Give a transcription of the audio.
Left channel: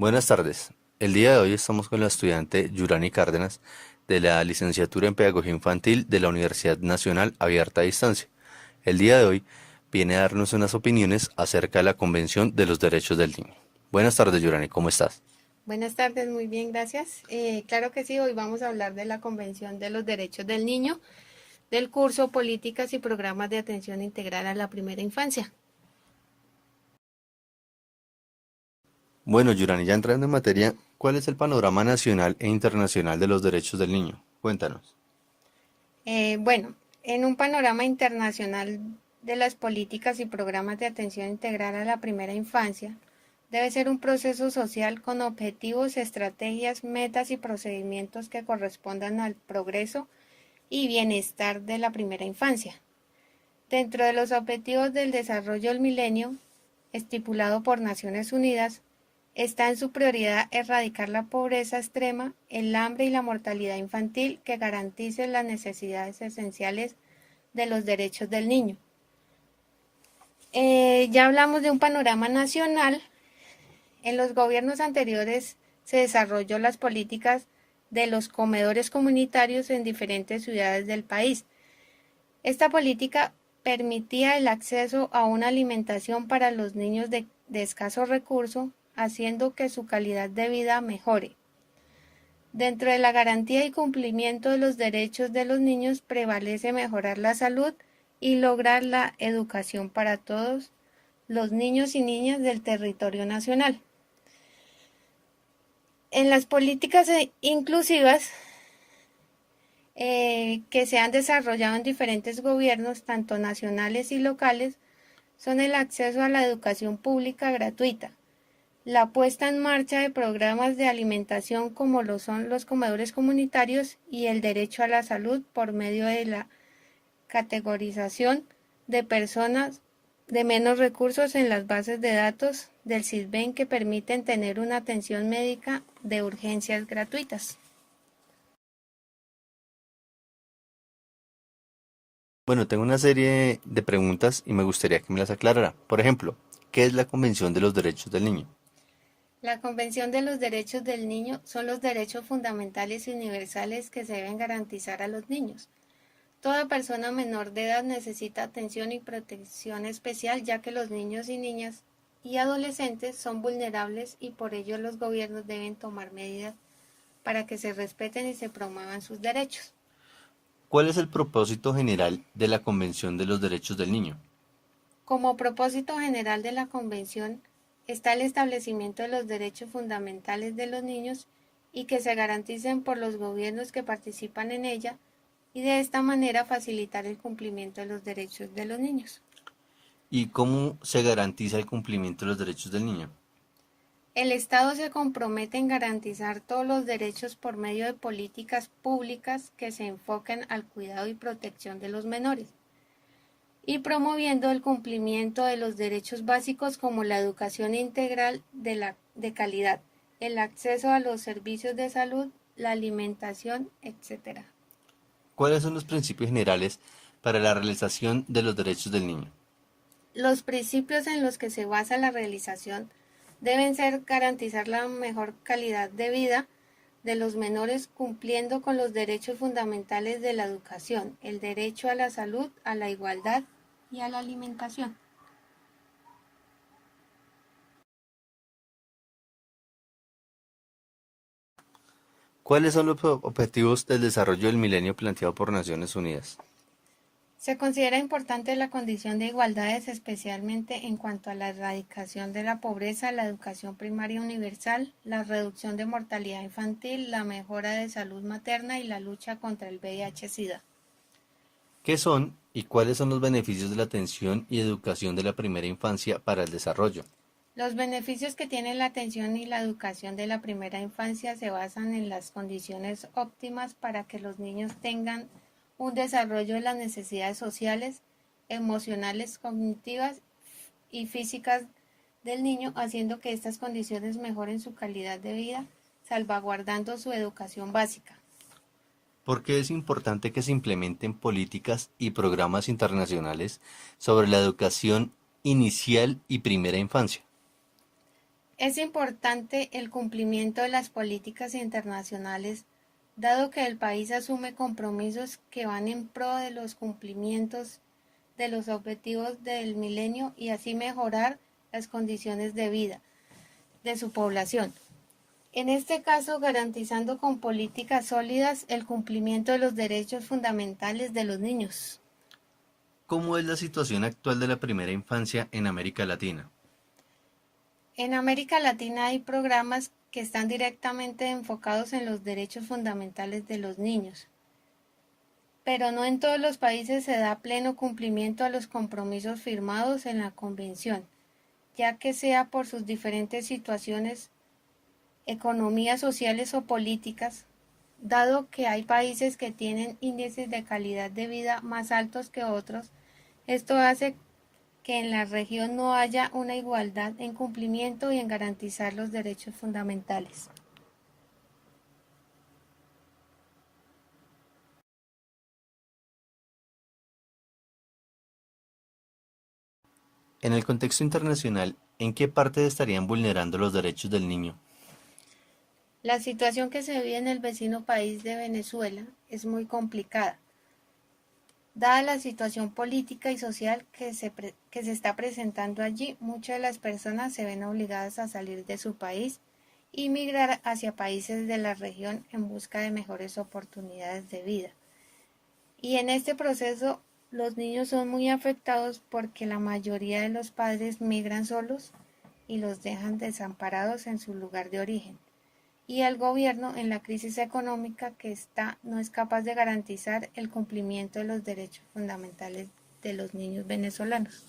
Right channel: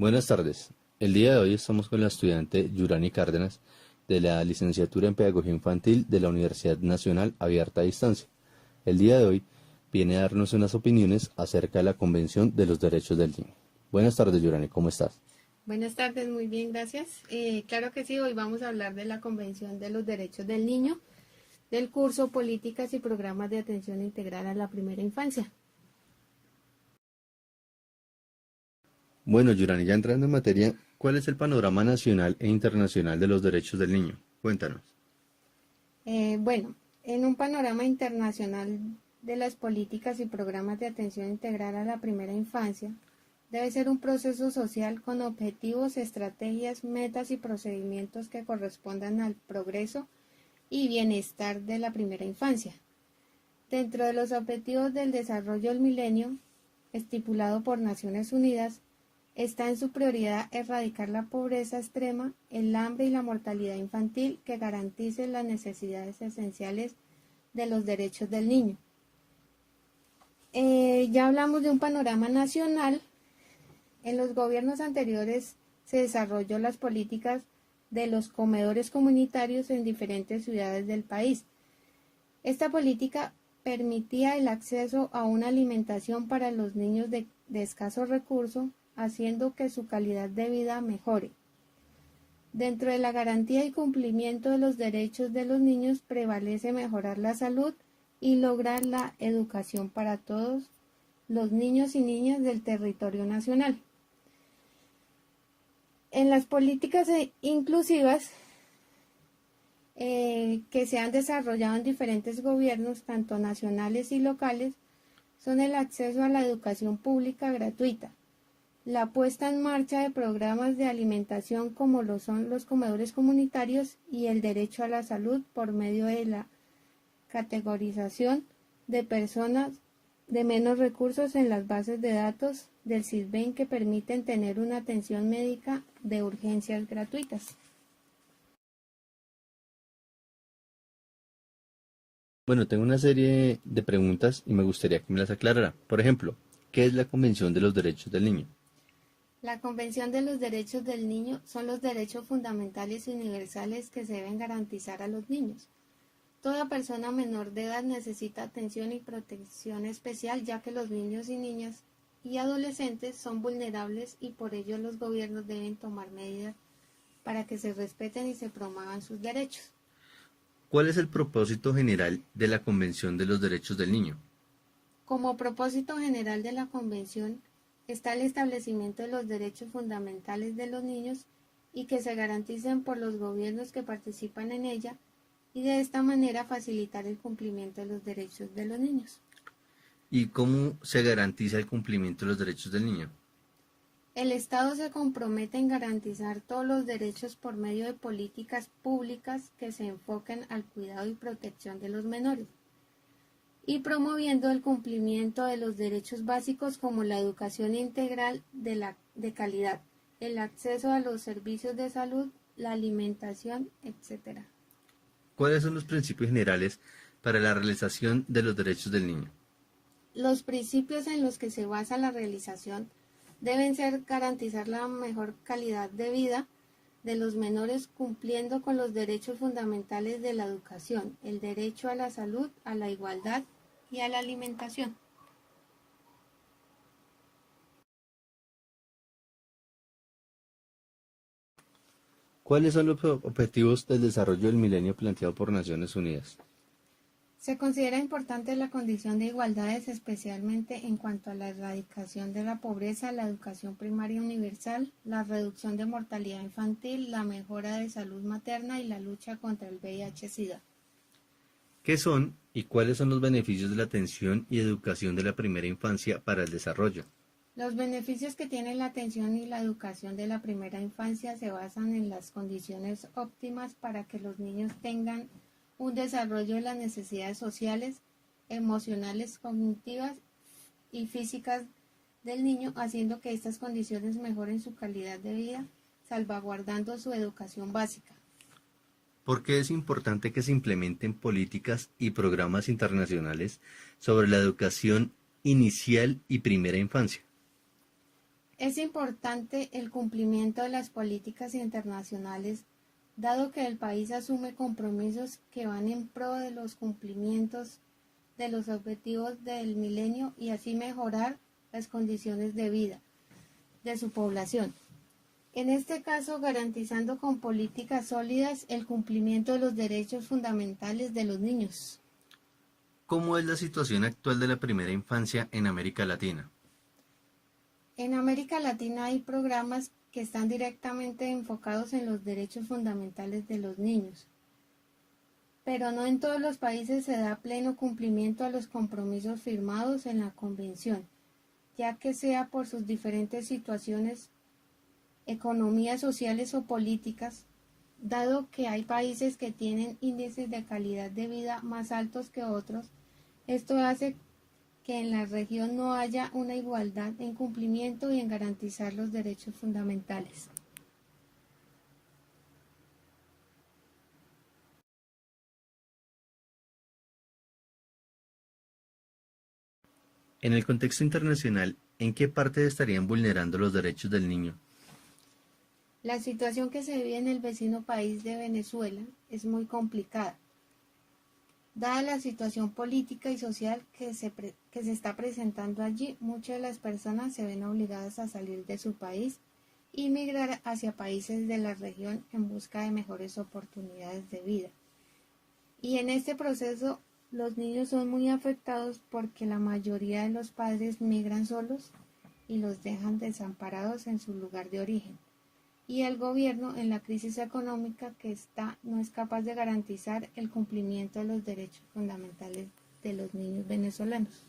Buenas tardes. El día de hoy estamos con la estudiante Yurani Cárdenas de la Licenciatura en Pedagogía Infantil de la Universidad Nacional Abierta a Distancia. El día de hoy viene a darnos unas opiniones acerca de la Convención de los Derechos del Niño. Buenas tardes, Yurani, ¿cómo estás? Buenas tardes, muy bien, gracias. Claro que sí, hoy vamos a hablar de la Convención de los Derechos del Niño, del curso Políticas y Programas de Atención Integral a la Primera Infancia. Bueno, Yurani, ya entrando en materia, ¿cuál es el panorama nacional e internacional de los derechos del niño? Cuéntanos. Bueno, en un panorama internacional de las políticas y programas de atención integral a la primera infancia, debe ser un proceso social con objetivos, estrategias, metas y procedimientos que correspondan al progreso y bienestar de la primera infancia. Dentro de los objetivos del desarrollo del milenio, estipulado por Naciones Unidas, está en su prioridad erradicar la pobreza extrema, el hambre y la mortalidad infantil que garantice las necesidades esenciales de los derechos del niño. Ya hablamos de un panorama nacional. En los gobiernos anteriores se desarrolló las políticas de los comedores comunitarios en diferentes ciudades del país. Esta política permitía el acceso a una alimentación para los niños de escasos recursos, haciendo que su calidad de vida mejore. Dentro de la garantía y cumplimiento de los derechos de los niños prevalece mejorar la salud y lograr la educación para todos los niños y niñas del territorio nacional. En las políticas inclusivas que se han desarrollado en diferentes gobiernos, tanto nacionales y locales, son el acceso a la educación pública gratuita, la puesta en marcha de programas de alimentación como lo son los comedores comunitarios y el derecho a la salud por medio de la categorización de personas de menos recursos en las bases de datos del SISBEN que permiten tener una atención médica de urgencias gratuitas. Bueno, tengo una serie de preguntas y me gustaría que me las aclarara. Por ejemplo, ¿qué es la Convención de los Derechos del Niño? La Convención de los Derechos del Niño son los derechos fundamentales y universales que se deben garantizar a los niños. Toda persona menor de edad necesita atención y protección especial, ya que los niños y niñas y adolescentes son vulnerables y por ello los gobiernos deben tomar medidas para que se respeten y se promuevan sus derechos. ¿Cuál es el propósito general de la Convención de los Derechos del Niño? Como propósito general de la Convención está el establecimiento de los derechos fundamentales de los niños y que se garanticen por los gobiernos que participan en ella y de esta manera facilitar el cumplimiento de los derechos de los niños. ¿Y cómo se garantiza el cumplimiento de los derechos del niño? El Estado se compromete en garantizar todos los derechos por medio de políticas públicas que se enfoquen al cuidado y protección de los menores y promoviendo el cumplimiento de los derechos básicos como la educación integral de calidad, el acceso a los servicios de salud, la alimentación, etc. ¿Cuáles son los principios generales para la realización de los derechos del niño? Los principios en los que se basa la realización deben ser garantizar la mejor calidad de vida de los menores cumpliendo con los derechos fundamentales de la educación, el derecho a la salud, a la igualdad y a la alimentación. ¿Cuáles son los objetivos del desarrollo del milenio planteado por Naciones Unidas? Se considera importante la condición de igualdades, especialmente en cuanto a la erradicación de la pobreza, la educación primaria universal, la reducción de mortalidad infantil, la mejora de salud materna y la lucha contra el VIH-Sida. ¿Qué son y cuáles son los beneficios de la atención y educación de la primera infancia para el desarrollo? Los beneficios que tiene la atención y la educación de la primera infancia se basan en las condiciones óptimas para que los niños tengan un desarrollo de las necesidades sociales, emocionales, cognitivas y físicas del niño, haciendo que estas condiciones mejoren su calidad de vida, salvaguardando su educación básica. ¿Por qué es importante que se implementen políticas y programas internacionales sobre la educación inicial y primera infancia? Es importante el cumplimiento de las políticas internacionales, dado que el país asume compromisos que van en pro de los cumplimientos de los objetivos del milenio y así mejorar las condiciones de vida de su población. En este caso, garantizando con políticas sólidas el cumplimiento de los derechos fundamentales de los niños. ¿Cómo es la situación actual de la primera infancia en América Latina? En América Latina hay programas que están directamente enfocados en los derechos fundamentales de los niños, pero no en todos los países se da pleno cumplimiento a los compromisos firmados en la Convención, ya que sea por sus diferentes situaciones, economías sociales o políticas, dado que hay países que tienen índices de calidad de vida más altos que otros. Esto hace que en la región no haya una igualdad en cumplimiento y en garantizar los derechos fundamentales. En el contexto internacional, ¿en qué parte estarían vulnerando los derechos del niño? La situación que se vive en el vecino país de Venezuela es muy complicada, dada la situación política y social que se está presentando allí. Muchas de las personas se ven obligadas a salir de su país y migrar hacia países de la región en busca de mejores oportunidades de vida. Y en este proceso los niños son muy afectados porque la mayoría de los padres migran solos y los dejan desamparados en su lugar de origen. Y el gobierno, en la crisis económica que está, no es capaz de garantizar el cumplimiento de los derechos fundamentales de los niños venezolanos.